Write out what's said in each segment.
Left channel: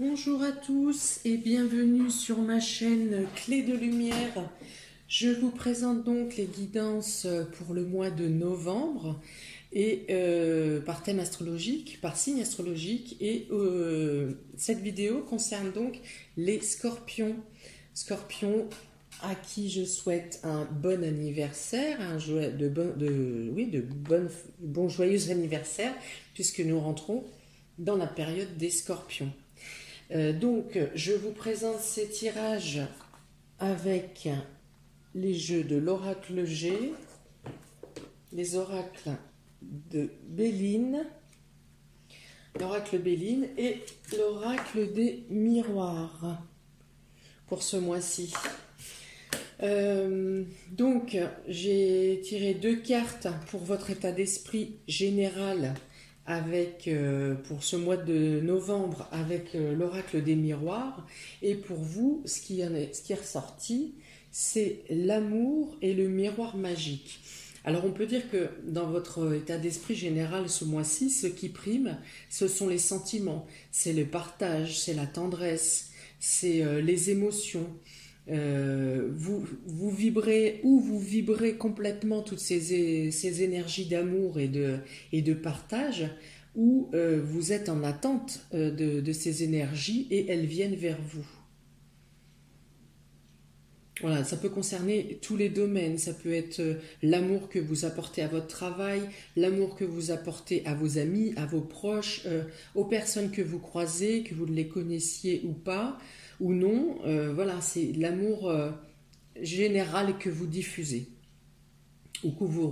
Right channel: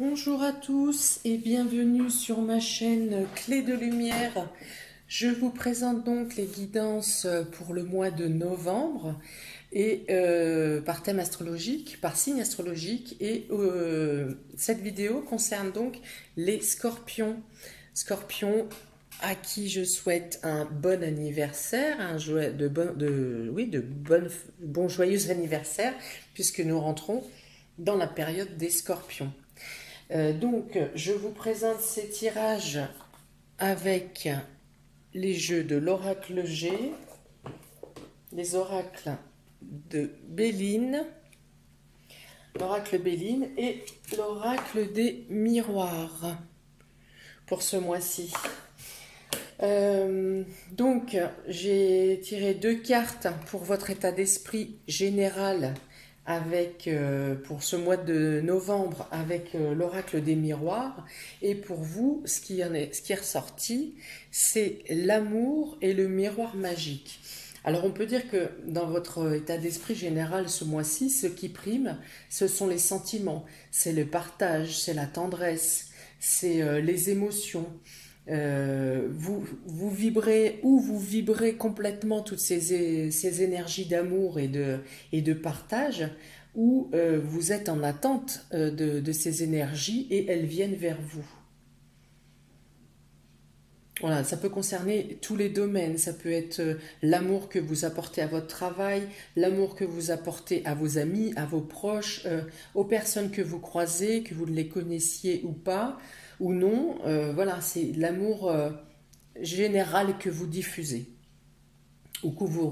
Bonjour à tous et bienvenue sur ma chaîne Clé de Lumière. Je vous présente donc les guidances pour le mois de novembre et par thème astrologique, par signe astrologique. Et cette vidéo concerne donc les scorpions. Scorpions à qui je souhaite un bon anniversaire, bon joyeux anniversaire, puisque nous rentrons dans la période des scorpions. Donc, je vous présente ces tirages avec les jeux de l'oracle G, les oracles de Béline, l'oracle Béline et l'oracle des miroirs pour ce mois-ci. Donc, j'ai tiré 2 cartes pour votre état d'esprit général avec, pour ce mois de novembre avec l'oracle des miroirs, et pour vous ce qui est ressorti, c'est l'amour et le miroir magique. Alors on peut dire que dans votre état d'esprit général ce mois-ci, ce qui prime, ce sont les sentiments, c'est le partage, c'est la tendresse, c'est les émotions. Vous vibrez complètement toutes ces énergies d'amour et de partage, ou vous êtes en attente de ces énergies et elles viennent vers vous. Voilà, ça peut concerner tous les domaines. Ça peut être l'amour que vous apportez à votre travail, l'amour que vous apportez à vos amis, à vos proches, aux personnes que vous croisez, que vous les connaissiez ou pas, ou non. Voilà, c'est l'amour général que vous diffusez ou que vous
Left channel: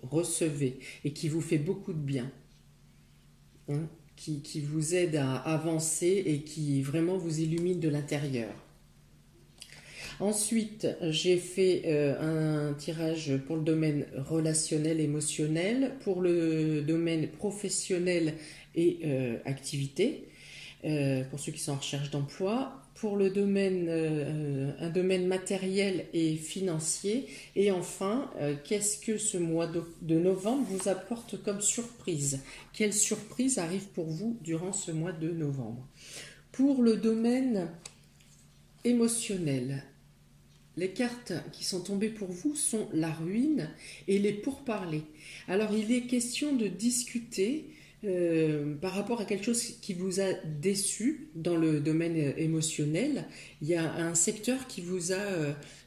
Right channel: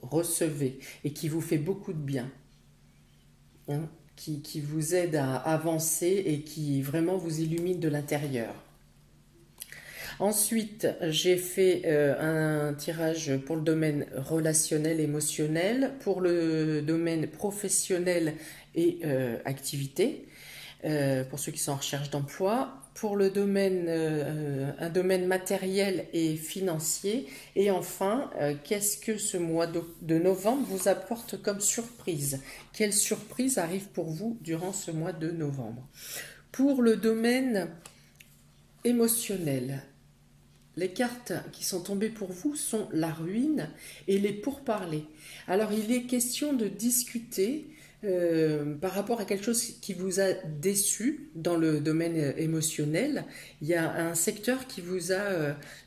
recevez et qui vous fait beaucoup de bien, hein, qui vous aide à avancer et qui vraiment vous illumine de l'intérieur. Ensuite, j'ai fait un tirage pour le domaine relationnel, émotionnel, pour le domaine professionnel et activité, pour ceux qui sont en recherche d'emploi, pour le domaine, un domaine matériel et financier, et enfin, qu'est-ce que ce mois de novembre vous apporte comme surprise? Quelle surprise arrive pour vous durant ce mois de novembre? Pour le domaine émotionnel, les cartes qui sont tombées pour vous sont la ruine et les pourparlers. Alors, il est question de discuter par rapport à quelque chose qui vous a déçu dans le domaine émotionnel. Il y a un secteur qui vous a,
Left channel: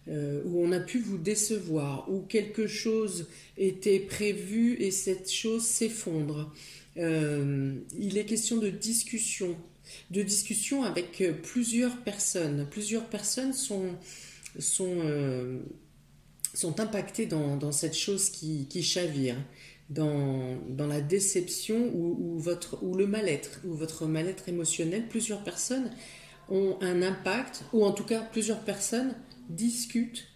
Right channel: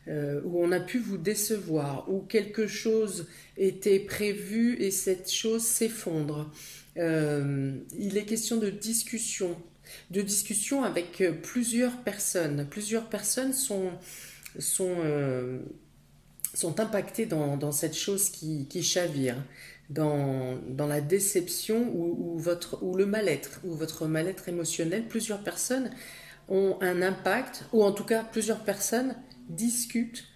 où on a pu vous décevoir, où quelque chose était prévu et cette chose s'effondre. Il est question de discussion avec plusieurs personnes. Plusieurs personnes sont impactés dans cette chose qui chavire, dans la déception ou le mal-être, ou votre mal-être émotionnel. Plusieurs personnes ont un impact, ou en tout cas plusieurs personnes discutent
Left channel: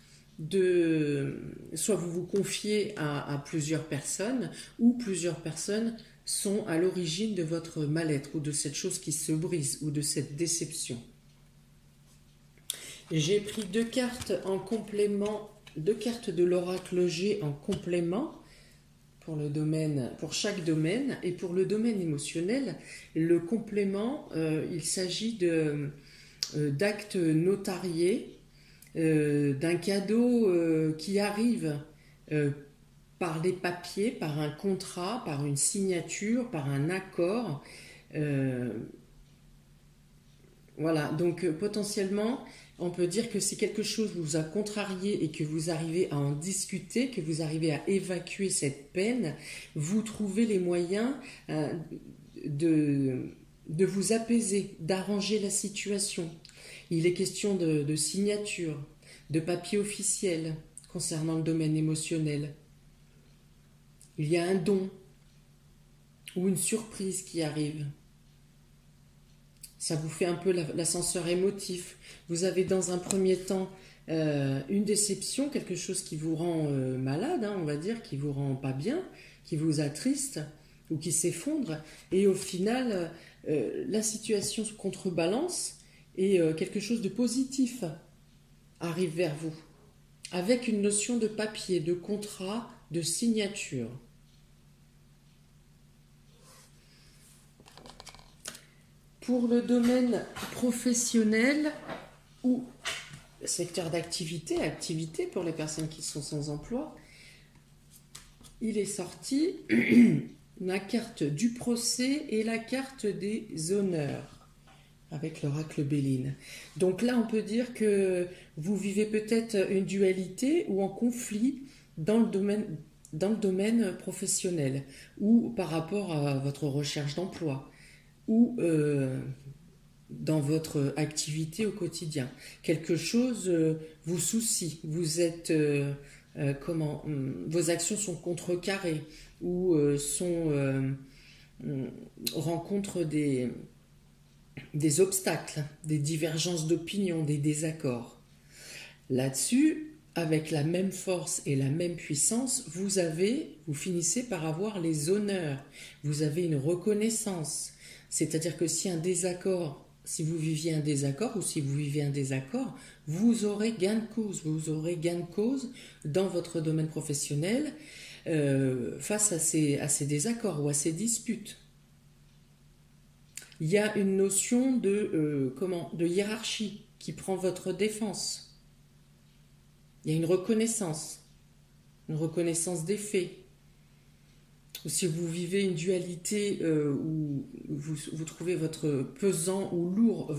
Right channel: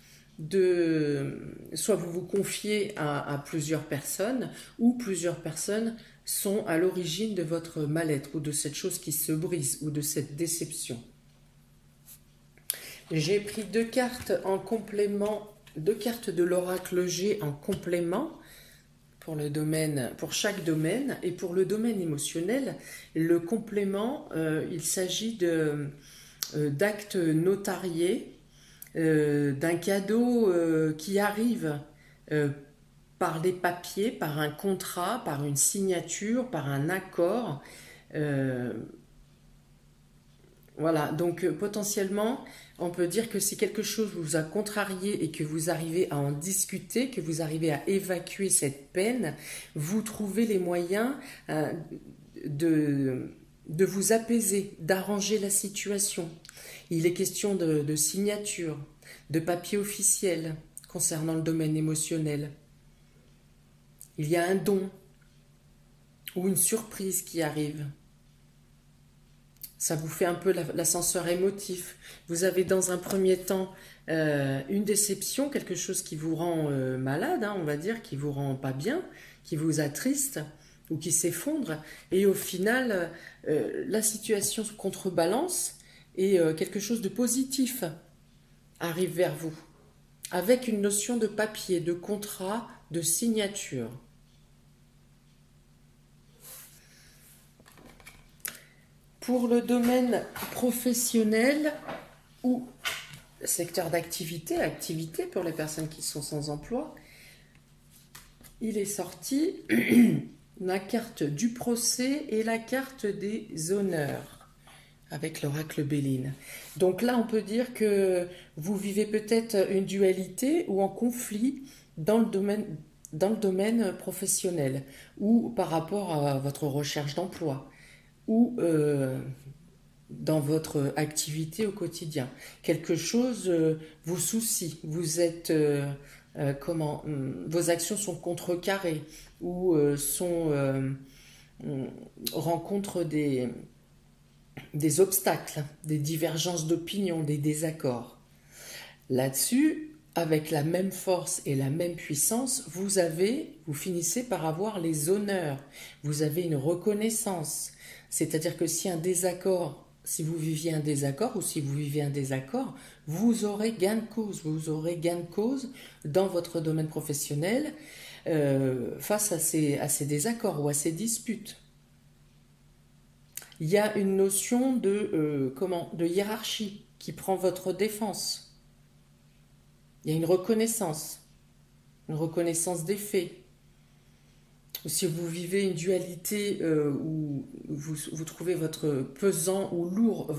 soit vous vous confiez à plusieurs personnes, ou plusieurs personnes sont à l'origine de votre mal-être, ou de cette chose qui se brise, ou de cette déception. J'ai pris 2 cartes en complément, 2 cartes de l'oracle G en complément pour chaque domaine. Et pour le domaine émotionnel, le complément, il s'agit d'actes notariés, d'un cadeau qui arrive par les papiers, par un contrat, par une signature, par un accord. Voilà, donc potentiellement, on peut dire que si quelque chose vous a contrarié et que vous arrivez à en discuter, que vous arrivez à évacuer cette peine, vous trouvez les moyens de vous apaiser, d'arranger la situation. Il est question de signature, de papier officiel concernant le domaine émotionnel. Il y a un don ou une surprise qui arrive. Ça vous fait un peu l'ascenseur émotif. Vous avez dans un premier temps une déception, quelque chose qui vous rend malade, hein, on va dire, qui vous rend pas bien, qui vous attriste ou qui s'effondre. Et au final, la situation se contrebalance et quelque chose de positif arrive vers vous, avec une notion de papier, de contrat, de signature. Pour le domaine professionnel ou secteur d'activité, activité pour les personnes qui sont sans emploi, il est sorti la carte du procès et la carte des honneurs avec l'oracle Béline. Donc là, on peut dire que vous vivez peut-être une dualité ou un conflit dans le domaine professionnel ou par rapport à votre recherche d'emploi ou dans votre activité au quotidien. Quelque chose vous soucie, vous êtes vos actions sont contrecarrées ou rencontrent des obstacles, des divergences d'opinion, des désaccords. Là-dessus, avec la même force et la même puissance, vous finissez par avoir les honneurs, vous avez une reconnaissance. C'est-à-dire que si vous viviez un désaccord ou si vous vivez un désaccord, vous aurez gain de cause. Vous aurez gain de cause dans votre domaine professionnel face à ces désaccords ou à ces disputes. Il y a une notion de hiérarchie qui prend votre défense. Il y a une reconnaissance des faits. Ou si vous vivez une dualité où vous trouvez votre pesant ou lourd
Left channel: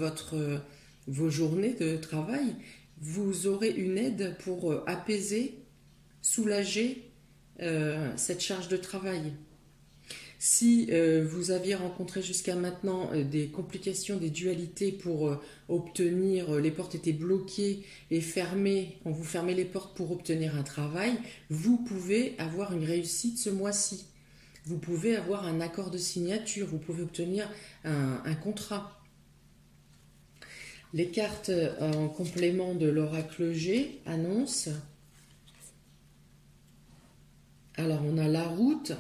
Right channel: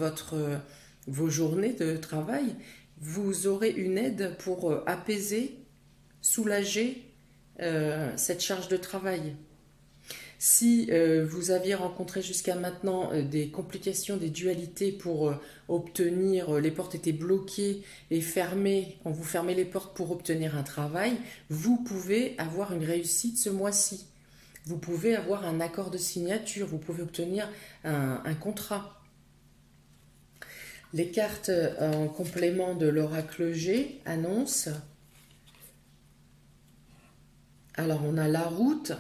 vos journées de travail, vous aurez une aide pour apaiser, soulager cette charge de travail. Si vous aviez rencontré jusqu'à maintenant des complications, des dualités pour obtenir, les portes étaient bloquées et fermées, on vous fermait les portes pour obtenir un travail, vous pouvez avoir une réussite ce mois-ci. Vous pouvez avoir un accord de signature, vous pouvez obtenir un contrat. Les cartes en complément de l'oracle G annoncent. Alors on a la route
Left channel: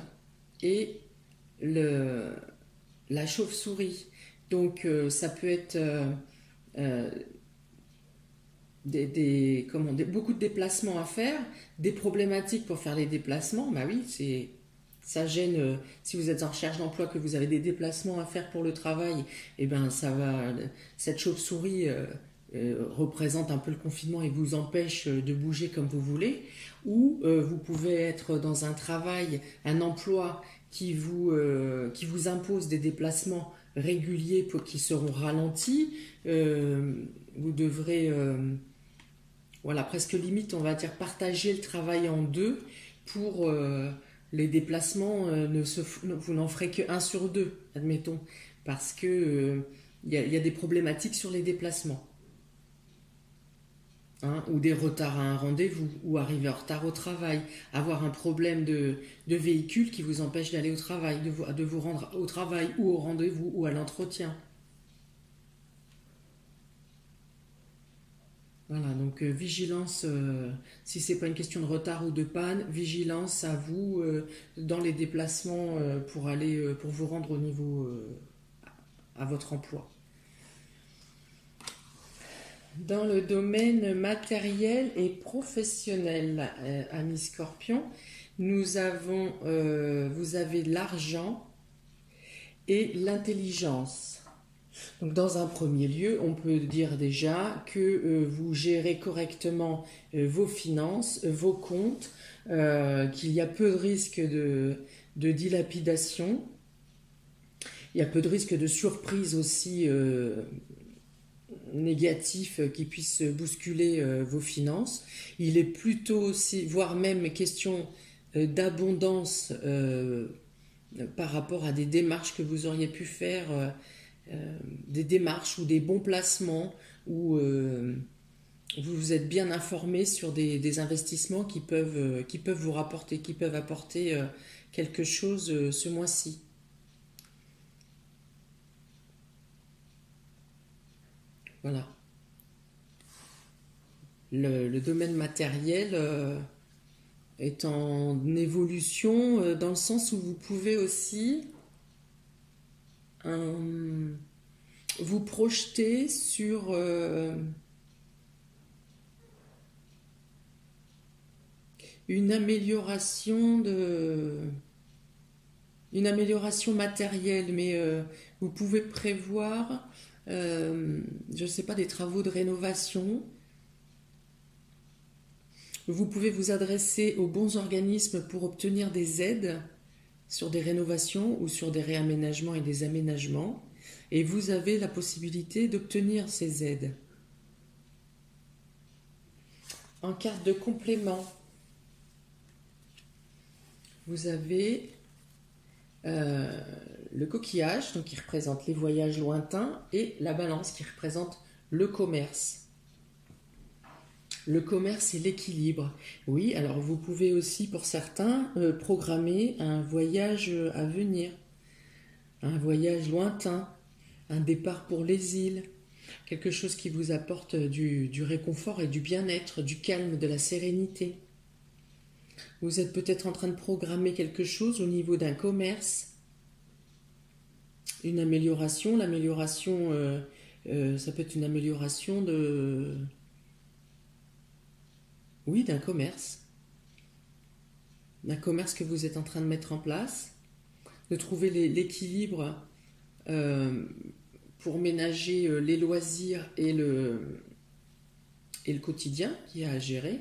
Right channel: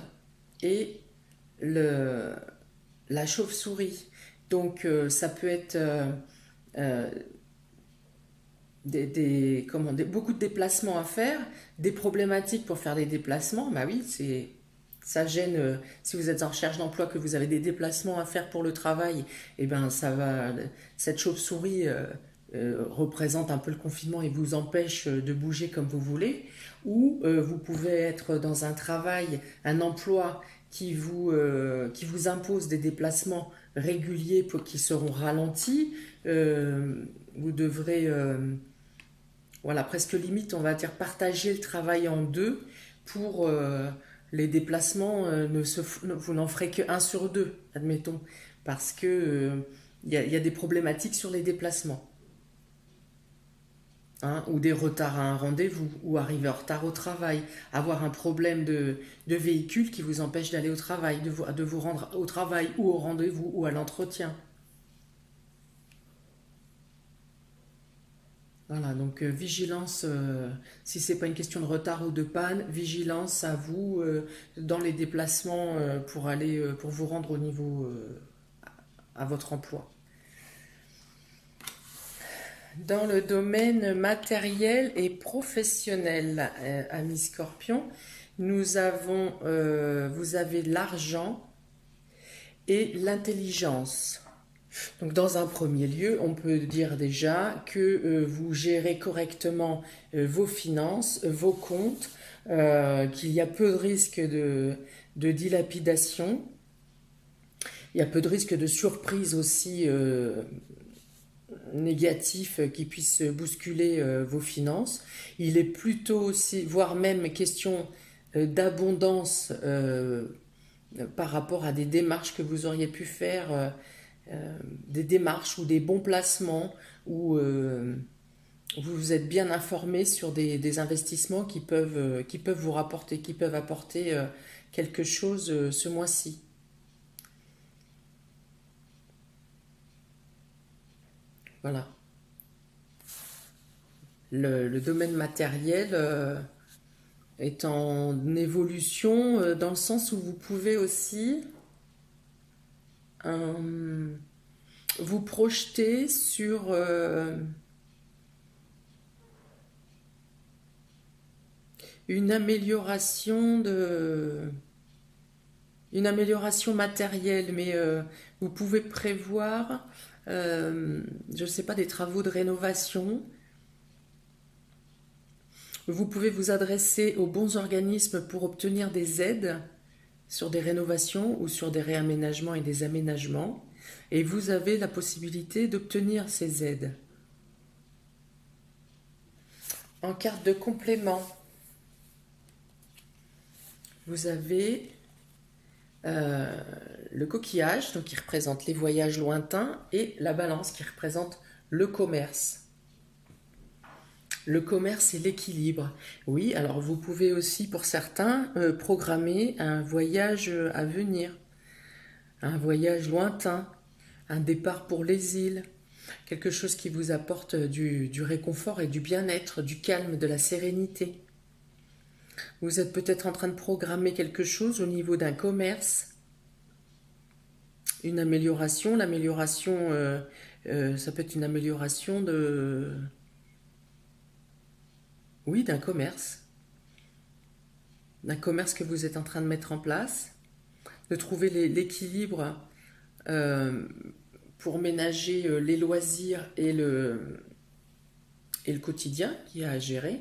et la chauve-souris. Donc ça peut être beaucoup de déplacements à faire, des problématiques pour faire les déplacements. Bah oui, ça gêne. Si vous êtes en recherche d'emploi, que vous avez des déplacements à faire pour le travail, et ben cette chauve-souris représente un peu le confinement et vous empêche de bouger comme vous voulez. Ou vous pouvez être dans un travail, un emploi qui vous impose des déplacements réguliers qui seront ralentis. Vous devrez, presque limite, on va dire, partager le travail en deux pour les déplacements. Vous n'en ferez qu'un sur deux, admettons, parce que y a des problématiques sur les déplacements. Ou des retards à un rendez-vous, ou arriver en retard au travail, avoir un problème de véhicule qui vous empêche d'aller au travail, de vous rendre au travail ou au rendez-vous ou à l'entretien. Voilà, donc vigilance, si ce n'est pas une question de retard ou de panne, vigilance à vous dans les déplacements pour vous rendre au niveau à votre emploi. Dans le domaine matériel et professionnel, amis Scorpion, vous avez l'argent et l'intelligence. Donc dans un premier lieu, on peut dire déjà que vous gérez correctement vos finances, vos comptes, qu'il y a peu de risques de dilapidation, il y a peu de risques de surprise aussi négatifs qui puissent bousculer vos finances. Il est plutôt aussi, voire même question d'abondance par rapport à des démarches que vous auriez pu faire, des démarches ou des bons placements où vous vous êtes bien informé sur des investissements qui peuvent vous rapporter, qui peuvent apporter quelque chose ce mois-ci. Voilà. Le domaine matériel est en évolution dans le sens où vous pouvez aussi vous projeter sur une amélioration une amélioration matérielle, mais vous pouvez prévoir, je ne sais pas, des travaux de rénovation. Vous pouvez vous adresser aux bons organismes pour obtenir des aides sur des rénovations ou sur des réaménagements et des aménagements. Et vous avez la possibilité d'obtenir ces aides. En carte de complément, vous avez le coquillage, donc qui représente les voyages lointains, et la balance qui représente le commerce. Le commerce et l'équilibre. Oui, alors vous pouvez aussi, pour certains, programmer un voyage à venir, un voyage lointain, un départ pour les îles, quelque chose qui vous apporte du réconfort et du bien-être, du calme, de la sérénité. Vous êtes peut-être en train de programmer quelque chose au niveau d'un commerce, une amélioration. L'amélioration, ça peut être une amélioration d'un commerce que vous êtes en train de mettre en place, de trouver l'équilibre pour ménager les loisirs et le quotidien qu'il y a à gérer.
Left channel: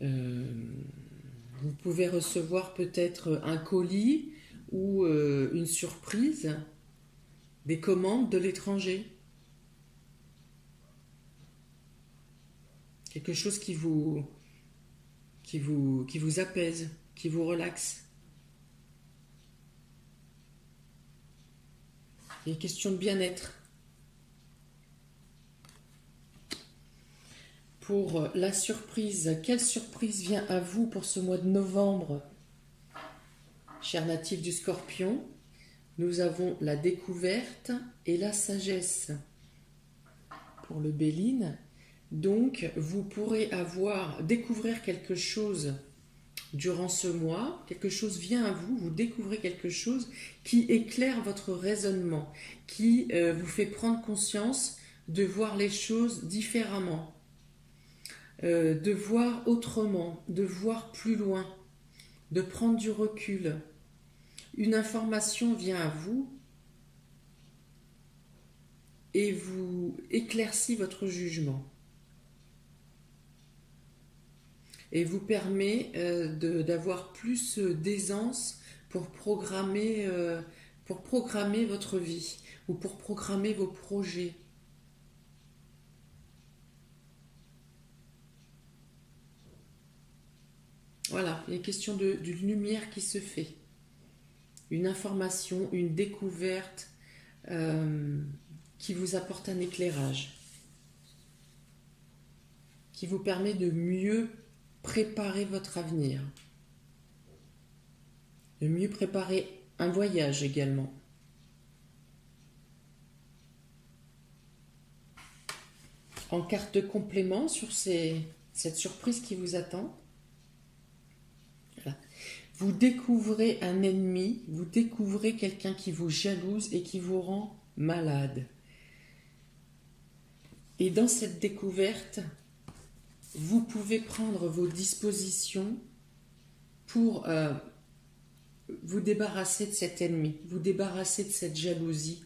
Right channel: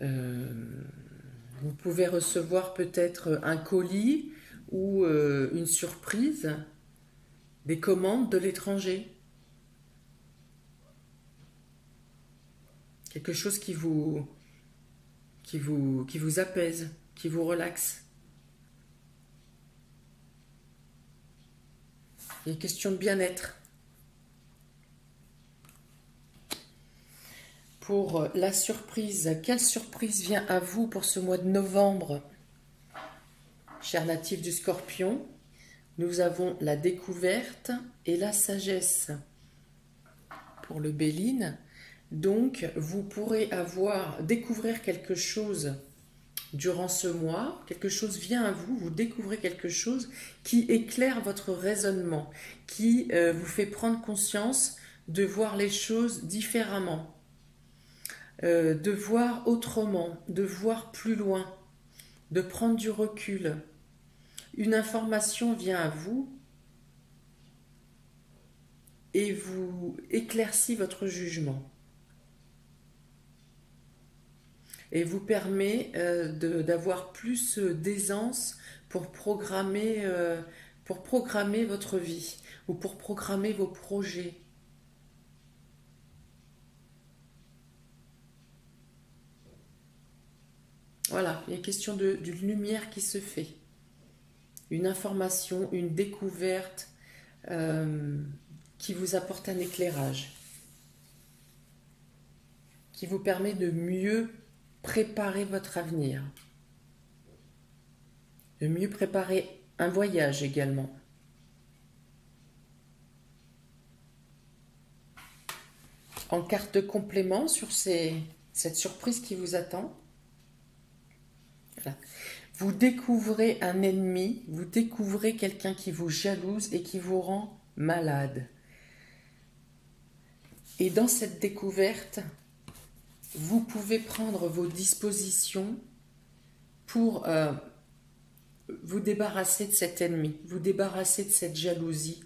Vous pouvez recevoir peut-être un colis ou une surprise, des commandes de l'étranger. Quelque chose qui vous apaise, qui vous relaxe. Il y a une question de bien-être. Pour la surprise, quelle surprise vient à vous pour ce mois de novembre? Chers natifs du Scorpion, nous avons la découverte et la sagesse. Pour le Béline, donc vous pourrez découvrir quelque chose durant ce mois, quelque chose vient à vous, vous découvrez quelque chose qui éclaire votre raisonnement, qui vous fait prendre conscience de voir les choses différemment. De voir autrement, de voir plus loin, de prendre du recul. Une information vient à vous et vous éclaircit votre jugement. Et vous permet d'avoir plus d'aisance pour programmer votre vie ou pour programmer vos projets. Voilà, il est question d'une lumière qui se fait. Une information, une découverte qui vous apporte un éclairage. Qui vous permet de mieux préparer votre avenir. De mieux préparer un voyage également. En carte de complément sur cette surprise qui vous attend. Voilà. Vous découvrez un ennemi, vous découvrez quelqu'un qui vous jalouse et qui vous rend malade. Et dans cette découverte, vous pouvez prendre vos dispositions pour vous débarrasser de cet ennemi, vous débarrasser de cette jalousie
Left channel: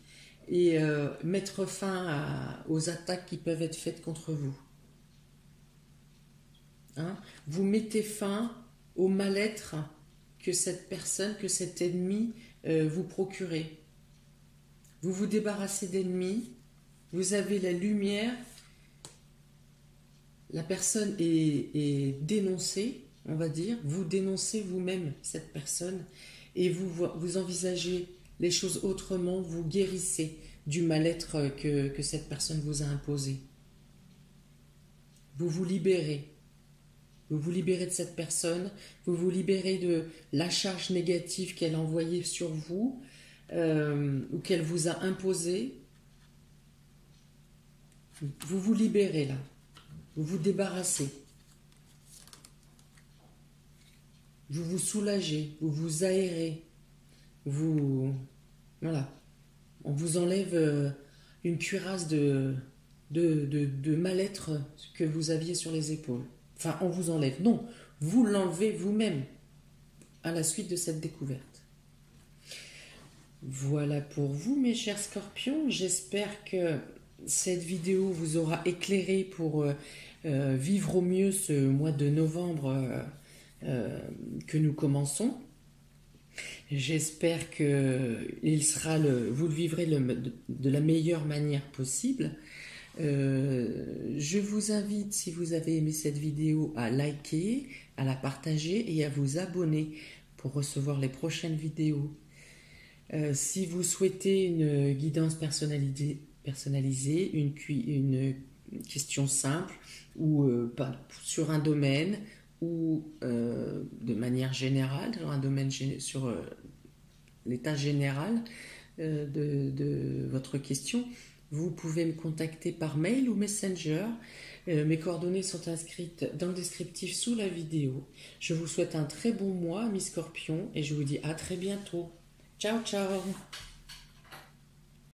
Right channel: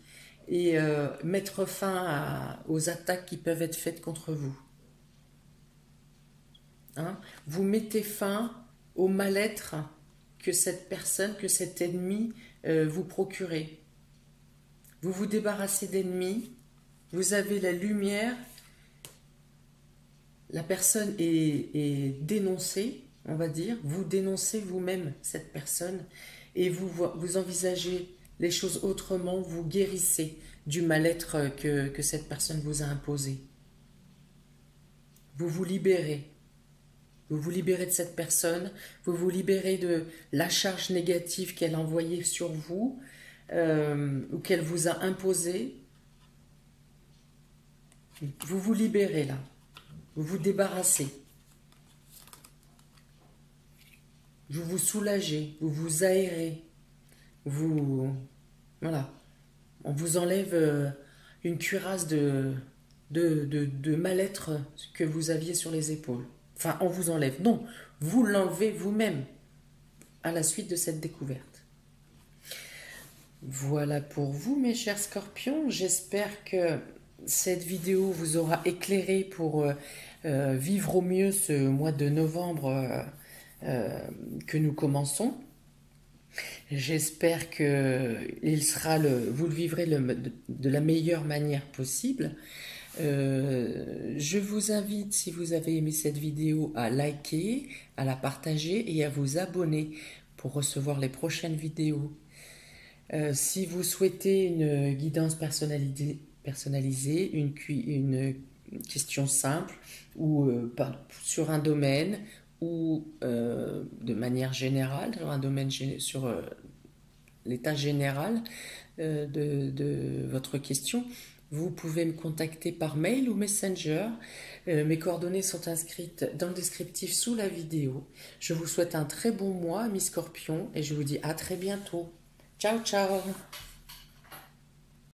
et mettre fin aux attaques qui peuvent être faites contre vous. Hein? Vous mettez fin au mal-être que cette personne, que cet ennemi vous procurez. Vous vous débarrassez d'ennemis, vous avez la lumière, la personne est dénoncée, on va dire, vous dénoncez vous-même cette personne et vous envisagez les choses autrement, vous guérissez du mal-être que cette personne vous a imposé. Vous vous libérez. Vous vous libérez de cette personne, vous vous libérez de la charge négative qu'elle a envoyée sur vous ou qu'elle vous a imposée. Vous vous libérez là, vous vous débarrassez. Vous vous soulagez, vous vous aérez, voilà. On vous enlève une cuirasse de mal-être que vous aviez sur les épaules. Enfin, on vous enlève. Non, vous l'enlevez vous-même à la suite de cette découverte. Voilà pour vous, mes chers scorpions. J'espère que cette vidéo vous aura éclairé pour vivre au mieux ce mois de novembre que nous commençons. J'espère que vous le vivrez de la meilleure manière possible. Je vous invite, si vous avez aimé cette vidéo, à liker, à la partager et à vous abonner pour recevoir les prochaines vidéos. Si vous souhaitez une guidance personnalisée, une question simple ou sur un domaine ou de manière générale, sur un domaine sur l'état général de votre question, vous pouvez me contacter par mail ou Messenger. Mes coordonnées sont inscrites dans le descriptif sous la vidéo. Je vous souhaite un très bon mois, mes scorpions, et je vous dis à très bientôt. Ciao, ciao!